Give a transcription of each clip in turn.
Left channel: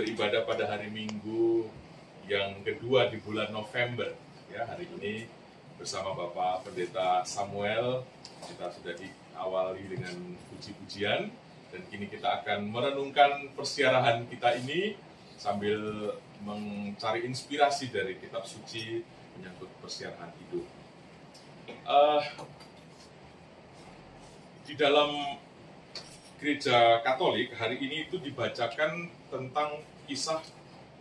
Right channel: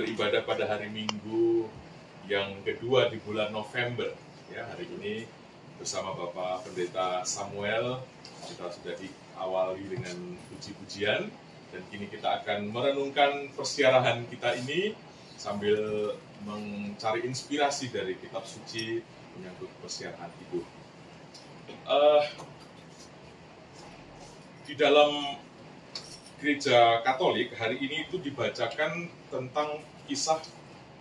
beribadah pada hari Minggu yang kedua di bulan November. Ya, hari ini bersama Bapak Pendeta Samuel kita sudah diawali dengan puji-pujian dan kini kita akan merenungkan persiarahan kita ini sambil mencari inspirasi dari kitab suci menyangkut persiarahan hidup. Di dalam Gereja Katolik hari ini itu dibacakan tentang kisah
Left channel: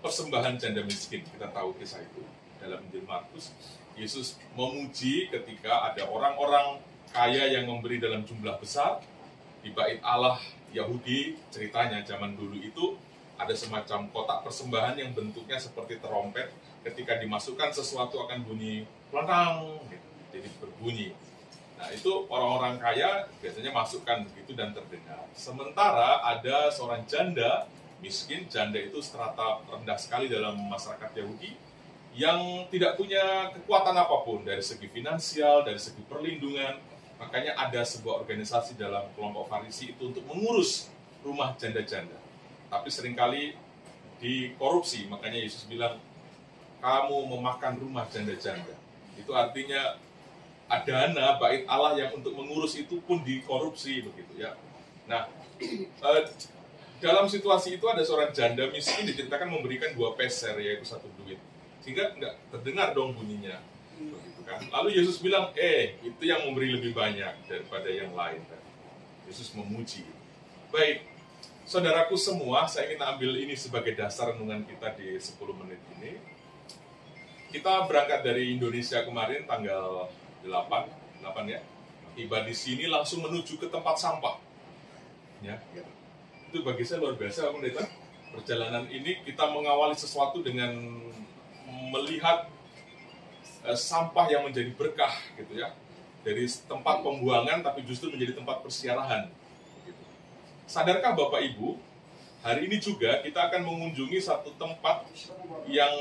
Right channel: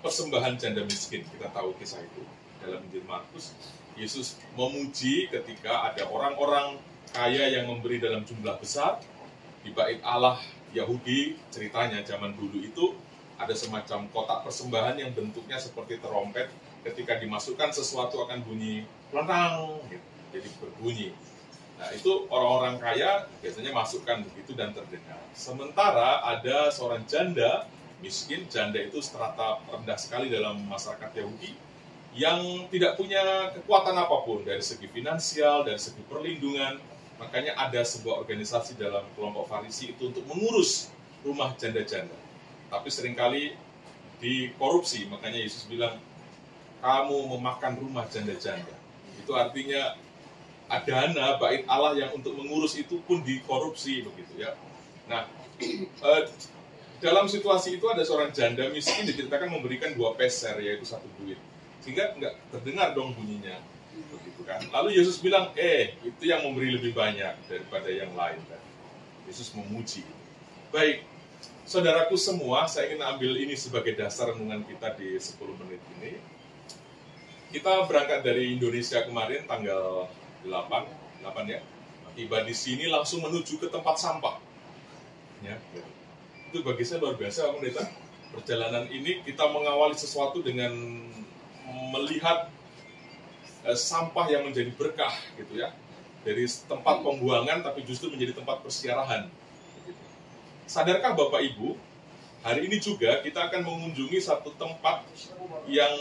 persembahan janda miskin. Kita tahu kisah itu dalam Injil Markus. Yesus memuji ketika ada orang-orang kaya yang memberi dalam jumlah besar. Di bait Allah Yahudi, ceritanya zaman dulu itu ada semacam kotak persembahan yang bentuknya seperti terompet. Ketika dimasukkan sesuatu akan bunyi lontang, gitu. Jadi berbunyi. Nah, itu orang-orang kaya biasanya masukkan begitu dan terdengar. Sementara ada seorang janda miskin, janda itu strata rendah sekali dalam masyarakat Yahudi, yang tidak punya kekuatan apapun dari segi finansial, dari segi perlindungan. Makanya ada sebuah organisasi dalam kelompok Farisi itu untuk mengurus rumah janda-janda. Tapi seringkali dikorupsi, makanya Yesus bilang, kamu memakan rumah janda-janda. Itu artinya dana bait Allah yang untuk mengurus itu pun dikorupsi begitu ya. Nah, dalam situasi itu ada seorang janda miskin diceritakan memberikan 2 peser, yaitu 1 duit, sehingga nggak terdengar dong bunyinya begitu kan. Lalu Yesus bilang, itu yang memberi lebih banyak daripada yang lain. Yesus memuji. Baik, saudaraku semua, saya ingin ambil ini sebagai dasar renungan kita di 10 menit ini. Kita berangkat dari Indonesia kemarin tanggal 8 ya, tiba di sini langsung menuju ke tempat sampah. Ya, gitu. Itu bagi saya luar biasa, Pak Pendeta. Perjalanan ini kita mengawali sesuatu dengan melihat sampah yang menjadi berkah, gitu ya. Dari tempat pembuangan, tapi justru menjadi tempat persiarahan. Gitu. Sadarkah Bapak Ibu, hari ini juga kita akan mengunjungi satu tempat yang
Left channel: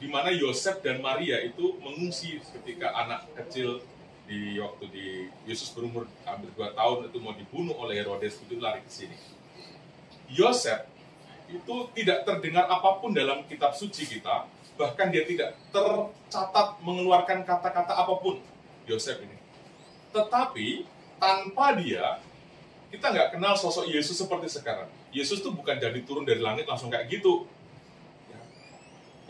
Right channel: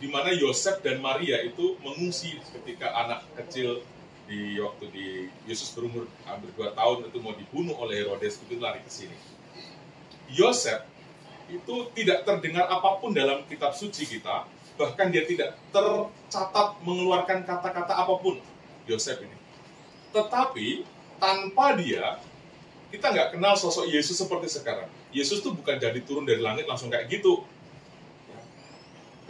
di mana Yosef dan Maria itu mengungsi ketika anak kecil di waktu di Yesus berumur hampir 2 tahun itu mau dibunuh oleh Herodes, itu lari ke sini. Yosef itu tidak terdengar apapun dalam kitab suci kita, bahkan dia tidak tercatat mengeluarkan kata-kata apapun, Yosef ini. Tetapi tanpa dia, kita nggak kenal sosok Yesus seperti sekarang. Yesus tuh bukan jadi turun dari langit langsung kayak gitu.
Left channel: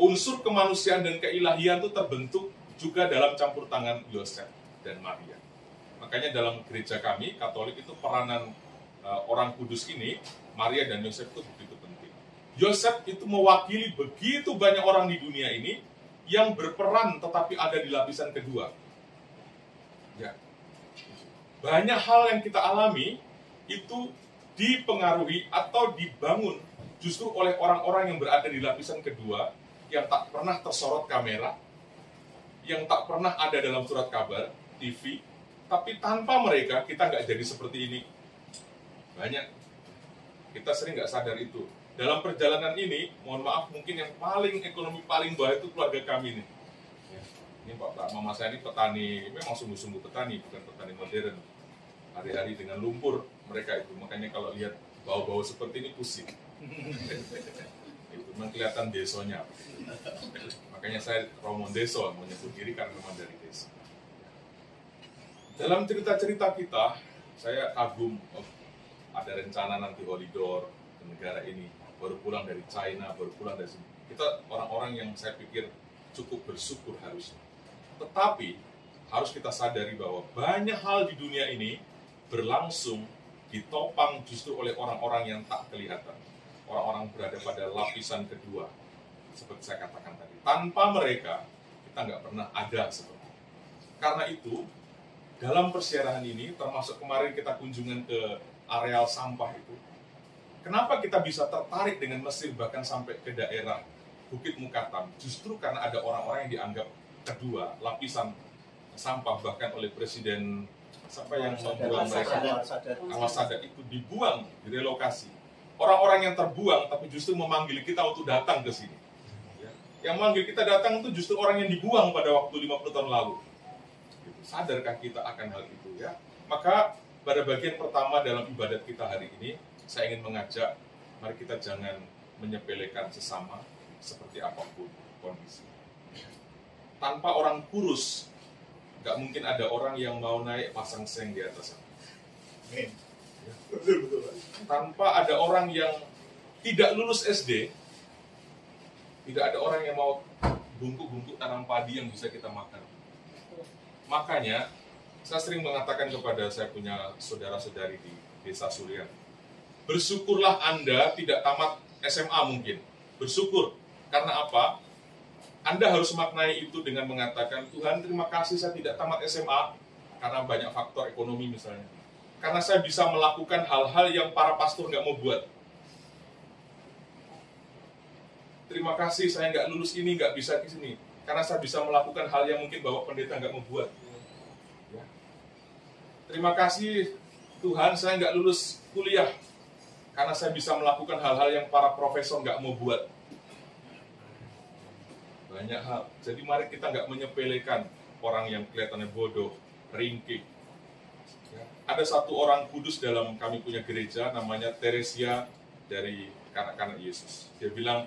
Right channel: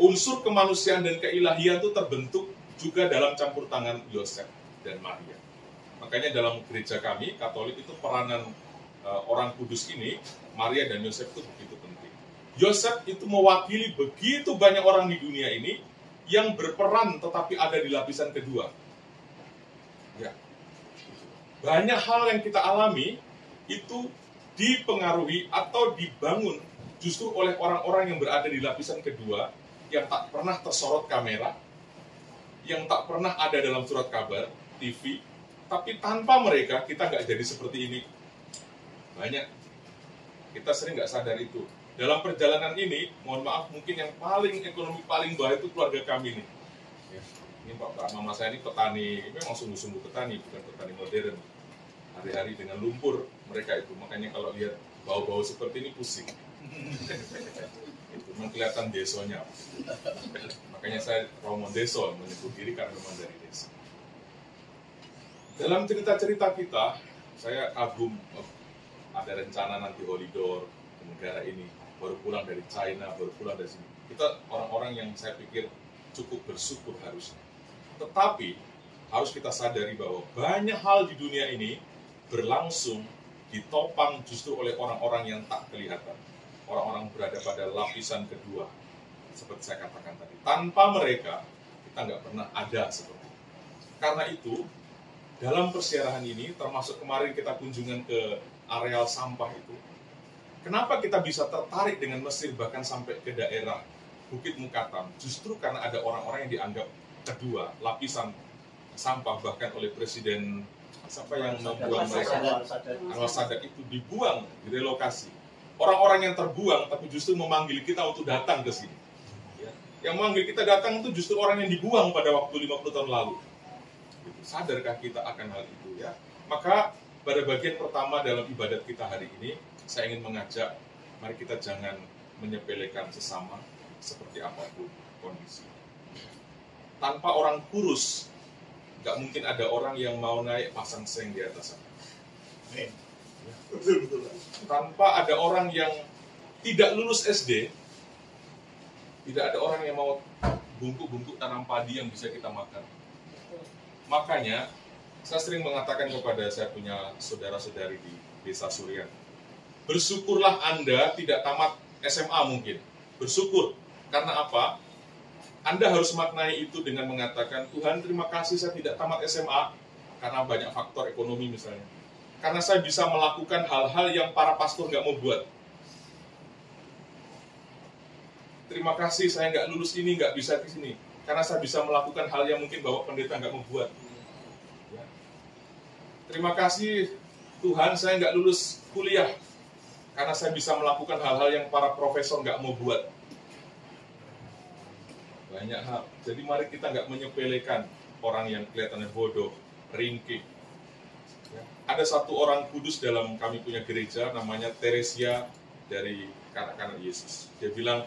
Unsur kemanusiaan dan keilahian itu terbentuk juga dalam campur tangan Yosef dan Maria. Makanya dalam gereja kami, Katolik, itu peranan orang kudus ini, Maria dan Yosef itu begitu penting. Yosef itu mewakili begitu banyak orang di dunia ini yang berperan tetapi ada di lapisan kedua. Ya. Banyak hal yang kita alami itu dipengaruhi atau dibangun justru oleh orang-orang yang berada di lapisan kedua, yang tak pernah tersorot kamera, yang tak pernah ada dalam surat kabar, TV, tapi tanpa mereka kita nggak jadi seperti ini. Banyak. Kita sering nggak sadar itu. Dalam perjalanan ini, mohon maaf, mungkin yang paling ekonomi paling bawah itu keluarga kami nih. Ya, ini Pak Mama saya ini petani, memang sungguh-sungguh petani, bukan petani modern. Hari-hari dengan lumpur mereka itu, makanya kalau lihat bau-bau seperti ini pusing. Itu memang kelihatan desonya. Makanya saya Romo Deso menyebut diri karena memang dari desa. Dalam cerita-cerita kita, saya kagum ada rencana nanti Holidor ke negara ini, baru pulang dari China, baru pulang dari sini. Kita orang-orang yang saya pikir cukup bersyukur harusnya. Tetapi harus kita sadari bahwa banyak hal di dunia ini berlangsung ditopang justru oleh orang-orang yang tak kelihatan. Orang-orang berada pada lapisan kedua, seperti saya katakan tadi. Tanpa mereka, kita nggak pernah ada seperti itu. Karena itu, dalam persiarahan ini, termasuk kemarin kita kunjungan ke areal sampah itu, kenapa kita bisa tertarik dengan Mesir bahkan sampai ke daerah Bukit Mukatam? Justru karena ada orang-orang yang dianggap kedua, lapisan sampah, bahkan oleh Presiden siapa yang membuang mereka, Anwar Sadat itu dibuang, direlokasi. Orang-orang yang terbuang tapi justru memanggil kita untuk datang ke sini. Ya. Yang memanggil kita datang itu justru orang yang dibuang pada waktu 50 tahun lalu. Gitu. Sadarkah kita akan hal itu ya? Maka pada bagian pertama dalam ibadat kita hari ini, saya ingin mengajak, mari kita jangan menyepelekan sesama seperti apapun kondisi. Tanpa orang kurus, nggak mungkin ada orang yang mau naik pasang seng di atas sana. Betul. Tanpa ada orang yang tidak lulus SD, tidak ada orang yang mau bungkuk-bungkuk tanam padi yang bisa kita makan. Makanya, saya sering mengatakan kepada saya punya saudara-saudari di Desa Suryan, bersyukurlah Anda tidak tamat SMA mungkin. Bersyukur. Karena apa? Anda harus maknai itu dengan mengatakan, Tuhan terima kasih saya tidak tamat SMA, karena banyak faktor ekonomi misalnya. Karena saya bisa melakukan hal-hal yang para pastor nggak mau buat. Terima kasih saya nggak lulus ini, nggak bisa ke sini. Karena saya bisa melakukan hal yang mungkin Bapak Pendeta nggak mau buat. Ya. Terima kasih Tuhan saya nggak lulus kuliah. Karena saya bisa melakukan hal-hal yang para profesor nggak mau buat. Banyak hal. Jadi mari kita nggak menyepelekan orang yang kelihatannya bodoh, ringkih. Ya. Ada satu orang kudus dalam kami punya gereja, namanya Teresia dari kanak-kanak Yesus. Dia bilang,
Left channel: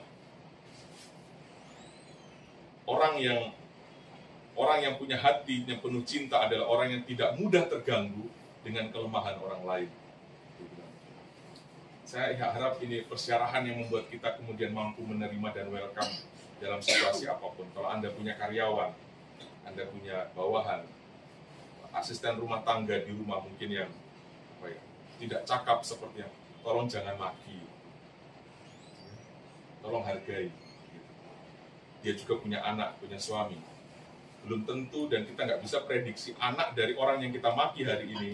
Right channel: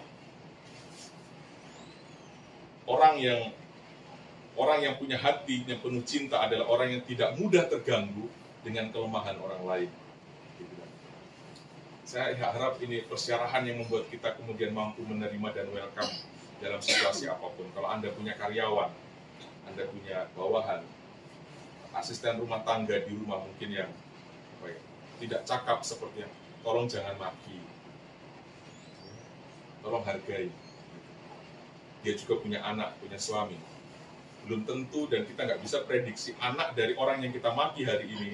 orang yang punya hati yang penuh cinta adalah orang yang tidak mudah terganggu dengan kelemahan orang lain. Dia bilang. Saya harap ini persyarahan yang membuat kita kemudian mampu menerima dan welcome dalam situasi apapun. Kalau Anda punya karyawan, Anda punya bawahan, asisten rumah tangga di rumah mungkin yang tidak cakap seperti yang, tolong jangan maki, tolong hargai. Dia juga punya anak, punya suami. Belum tentu dan kita nggak bisa prediksi anak dari orang yang kita maki hari ini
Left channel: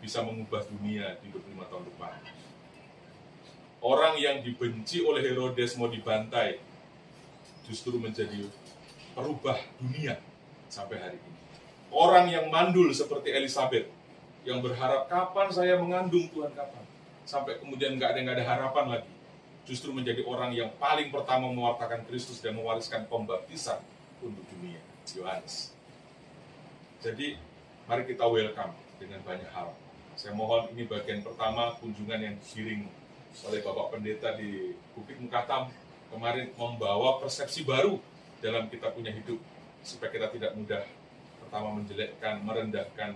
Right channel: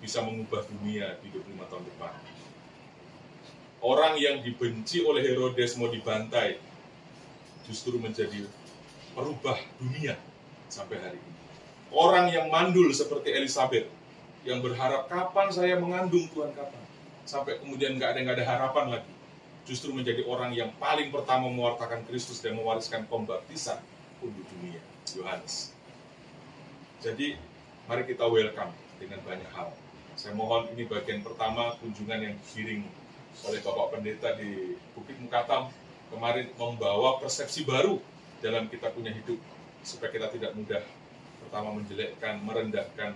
bisa mengubah dunia di 25 tahun depan. Orang yang dibenci oleh Herodes mau dibantai, justru menjadi perubah dunia sampai hari ini. Orang yang mandul seperti Elizabeth, yang berharap kapan saya mengandung Tuhan kapan, sampai kemudian nggak ada harapan lagi, justru menjadi orang yang paling pertama mewartakan Kristus dan mewariskan pembaptisan untuk dunia, Yohanes. Jadi mari kita welcome dengan banyak hal. Saya mohon ini bagian pertama kunjungan yang digiring oleh Bapak Pendeta di Bukit Mukatam kemarin membawa persepsi baru dalam kita punya hidup, supaya kita tidak mudah pertama menjelekkan, merendahkan,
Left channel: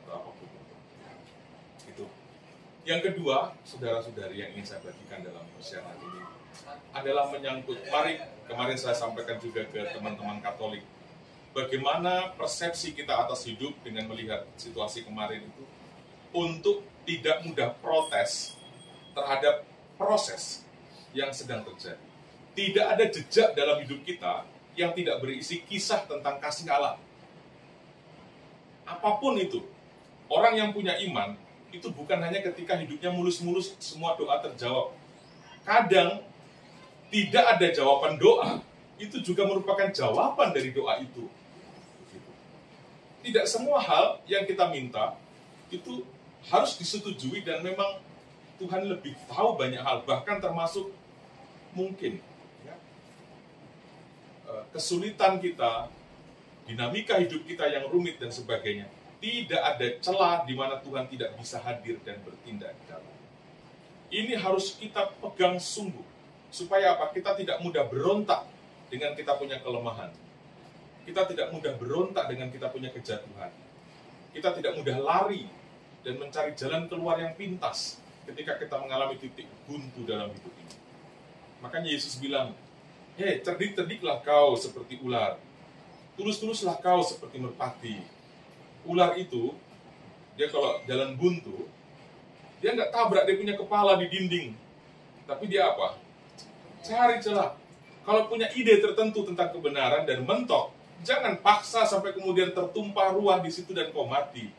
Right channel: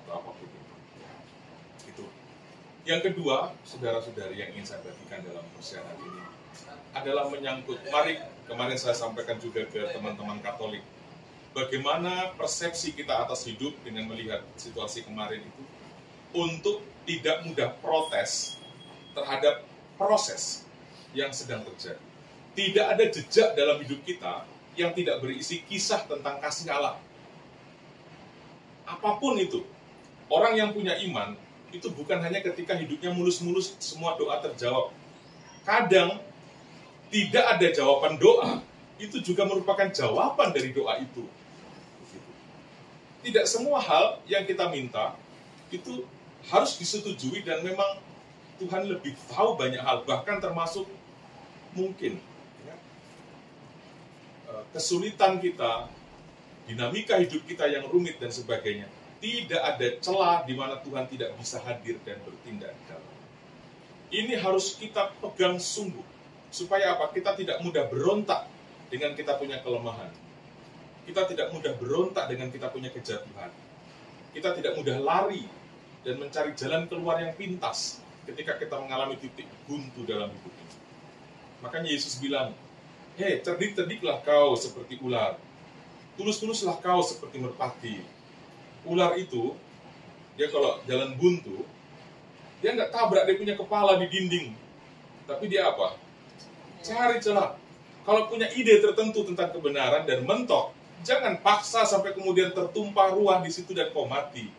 atau apapun itu. Yang kedua, saudara-saudari yang ingin saya bagikan dalam persiapan ini adalah menyangkut, mari kemarin saya sampaikan juga ke teman-teman Katolik, bagaimana persepsi kita atas hidup dengan melihat situasi kemarin itu, untuk tidak mudah protes terhadap proses yang sedang terjadi. Tidak ada jejak dalam hidup kita yang tidak berisi kisah tentang kasih Allah. Apapun itu, orang yang punya iman, itu bukan hanya ketika hidupnya mulus-mulus semua doa terjawab. Kadang, tidak ada jawaban doa, itu juga merupakan jawaban dari doa itu. Tidak semua hal yang kita minta, itu harus disetujui dan memang Tuhan lebih tahu banyak hal, bahkan termasuk mungkin kesulitan kita, dinamika hidup kita yang rumit dan sebagainya. Tidak ada celah di mana Tuhan tidak bisa hadir dan bertindak di dalam. Ini harus kita pegang sungguh, supaya apa? Kita tidak mudah berontak dengan kita punya kelemahan. Kita tidak mudah berontak dengan kita punya kejatuhan. Kita tidak mudah lari dan mencari jalan keluar yang pintas ketika kita mengalami titik buntu dalam hidup ini. Makanya Yesus bilang, hei, cerdik-cerdiklah kau seperti ular. Tulus-tuluslah kau seperti merpati. Ular itu, dia kalau jalan buntu, dia nggak tabrak dia punya kepala di dinding. Tapi dia apa? Cari celah. Kalau punya ide tertentu tentang kebenaran dan mentok, jangan paksa sampai kemudian tertumpah ruah di situ dan kau mati.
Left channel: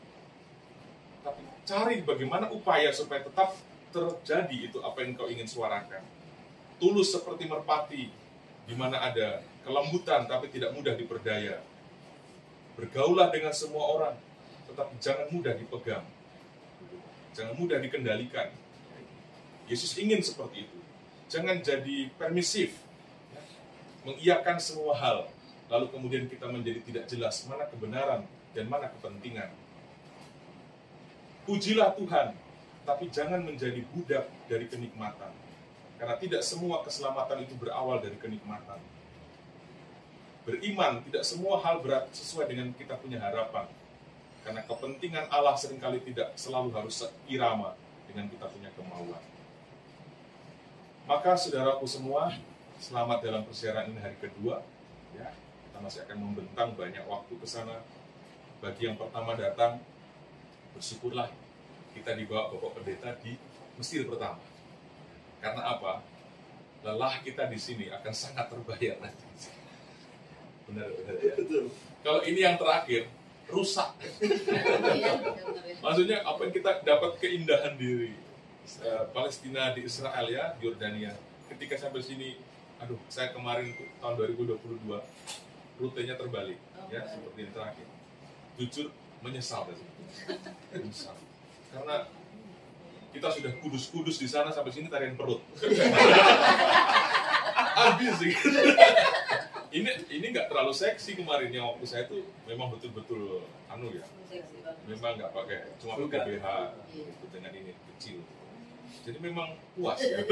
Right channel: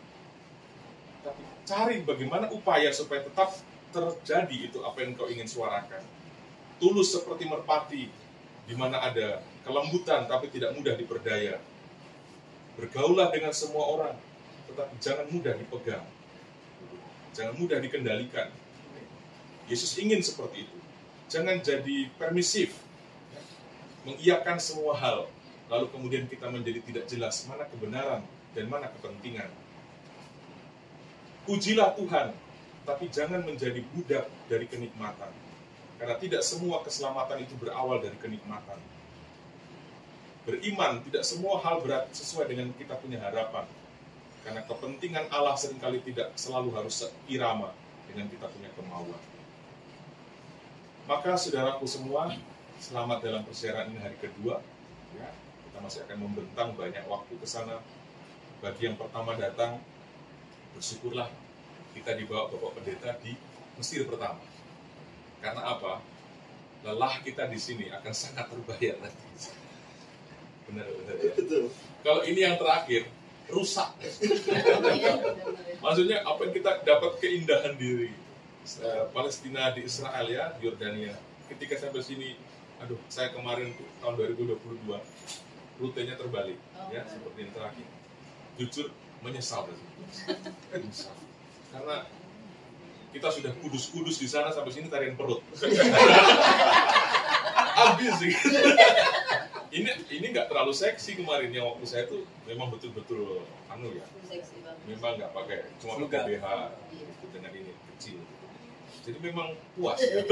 Tapi cari bagaimana upaya supaya tetap terjadi itu apa yang kau ingin suarakan. Tulus seperti merpati, di mana ada kelembutan tapi tidak mudah diperdaya. Bergaulah dengan semua orang, tetapi jangan mudah dipegang. Jangan mudah dikendalikan. Yesus ingin seperti itu. Jangan jadi permisif, mengiyakan semua hal, lalu kemudian kita menjadi tidak jelas mana kebenaran dan mana kepentingan. Pujilah Tuhan, tapi jangan menjadi budak dari kenikmatan. Karena tidak semua keselamatan itu berawal dari kenikmatan. Beriman, tidak semua hal berat sesuai dengan kita punya harapan. Karena kepentingan Allah seringkali tidak selalu harus seirama dengan kita punya kemauan. Maka saudaraku semua, selamat dalam persiaran ini hari kedua. Ya, kita masih akan membentang banyak waktu ke sana. Bagi yang pertama datang, bersyukurlah kita dibawa Bapak Pendeta di Mesir pertama. Karena apa? Lelah kita di sini akan sangat terbayar nanti. Benar ya? Kalau ini yang terakhir, rusak. Maksudnya apa yang kita dapat keindahan diri Palestina di Israel ya, di Yordania. Ketika sampai sini, aduh, saya kemarin tuh tahun 2022 rutenya terbalik ya, seperti yang terakhir. Jujur menyesal menyesal. Karena kita sudah kudus-kudus di sana, sampai sini tarian perut. Habis sih. Ini nggak terlalu seksi kemarin, yang waktu saya tuh memang betul-betul ya. Memang nggak pakai, cuma pakai BH itu dengan ini kecil. Jadi memang puas ya.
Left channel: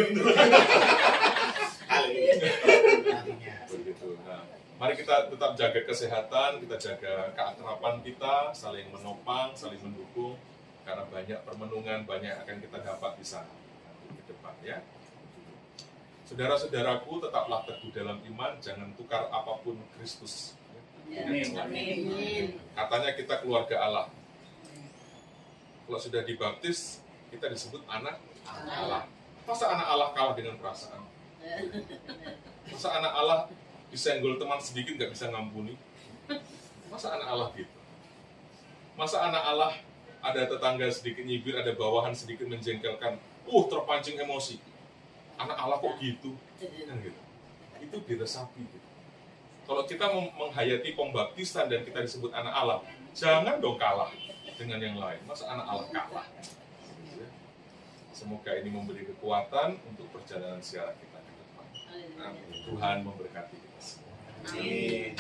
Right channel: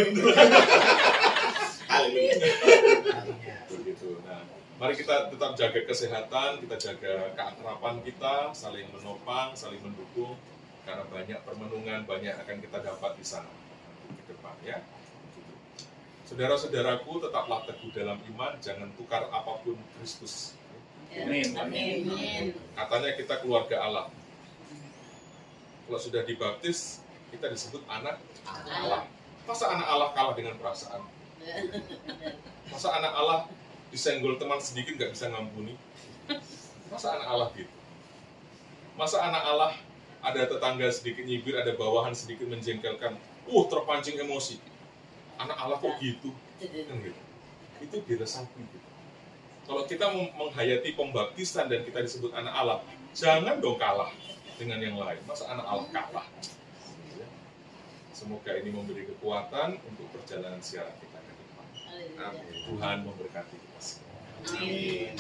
Begitu. Nah, mari kita tetap jaga kesehatan, kita jaga keakraban kita, saling menopang, saling mendukung. Karena banyak permenungan, banyak akan kita dapat di sana ke depan ya. Saudara-saudaraku, tetaplah teguh dalam iman, jangan tukar apapun Kristus. Amin. Katanya kita keluarga Allah. Kalau sudah dibaptis, kita disebut anak Allah. Masa anak Allah kalah dengan perasaan? Masa anak Allah disenggol teman sedikit nggak bisa ngampuni? Masa anak Allah gitu? Masa anak Allah ada tetangga sedikit nyibir, ada bawahan sedikit menjengkelkan, terpancing emosi. Anak Allah kok gitu? Kan gitu. Itu diresapi gitu. Kalau kita menghayati pembaptisan dan kita disebut anak Allah, jangan dong kalah dengan yang lain. Masa anak Allah kalah? Semoga ini memberi kekuatan untuk perjalanan siaran kita ke depan. Amin. Tuhan memberkati kita semua. Amin.